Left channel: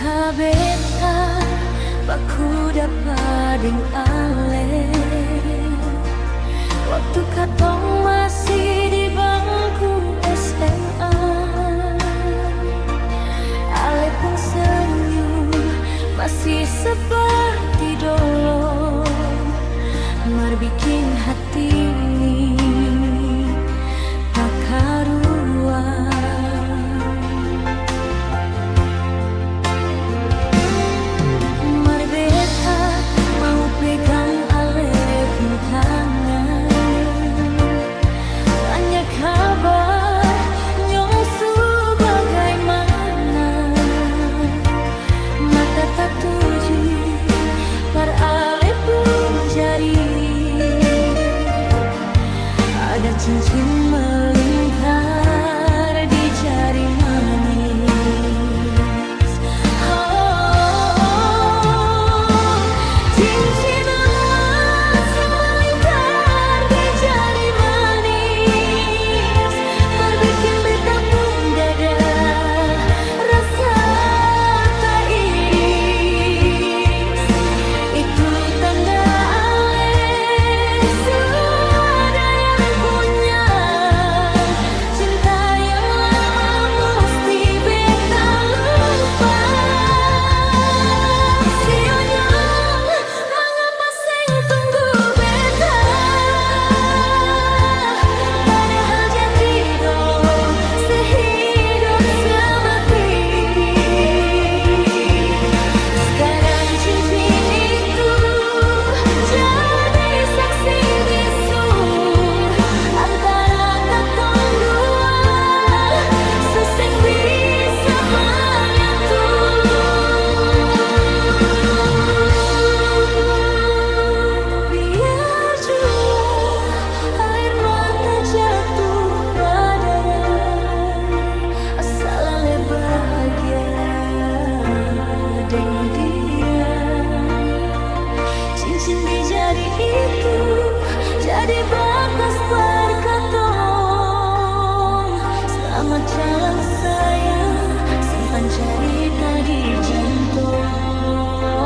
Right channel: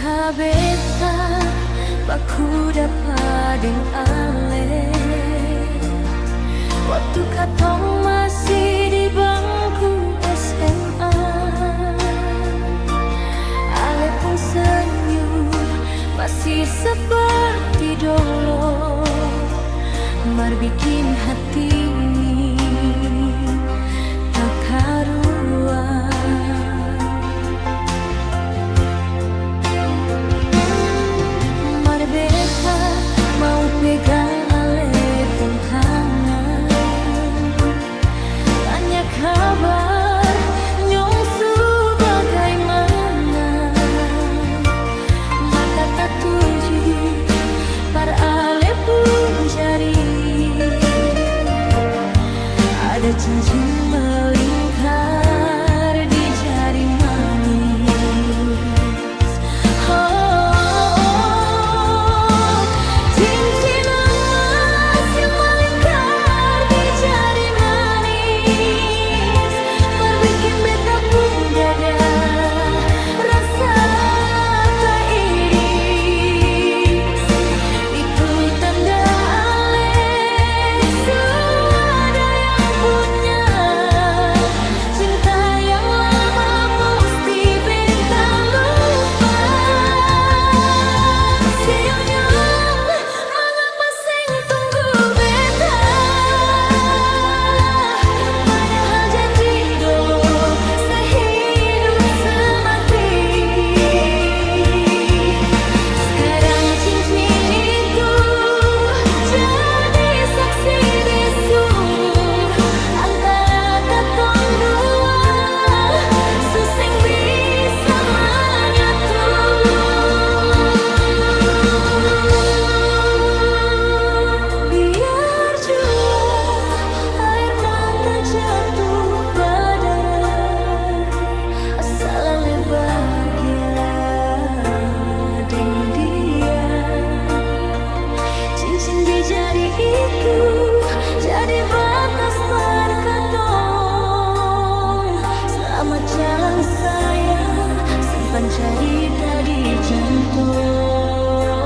Kabeta baku dapat ale waktu katong masih di bangku SMA. Ale pun senyum masih seperti dulu, mar bikin hati ini tak karuan. Mar beta mau pegang ale pun tangan, tanya kabar nyongsu bagaimana. Mata tak tuju par ale pun jari, ada cincin melingkar di jari manis. Oh, cincin emas yang melingkar di jari manis, mar bikin beta pun dada rasa tak iris. Itu tanda deng dia. Cincin di jari itu jadi batas perkatong. Selamat jalan sayang, simpan cerita di jantung.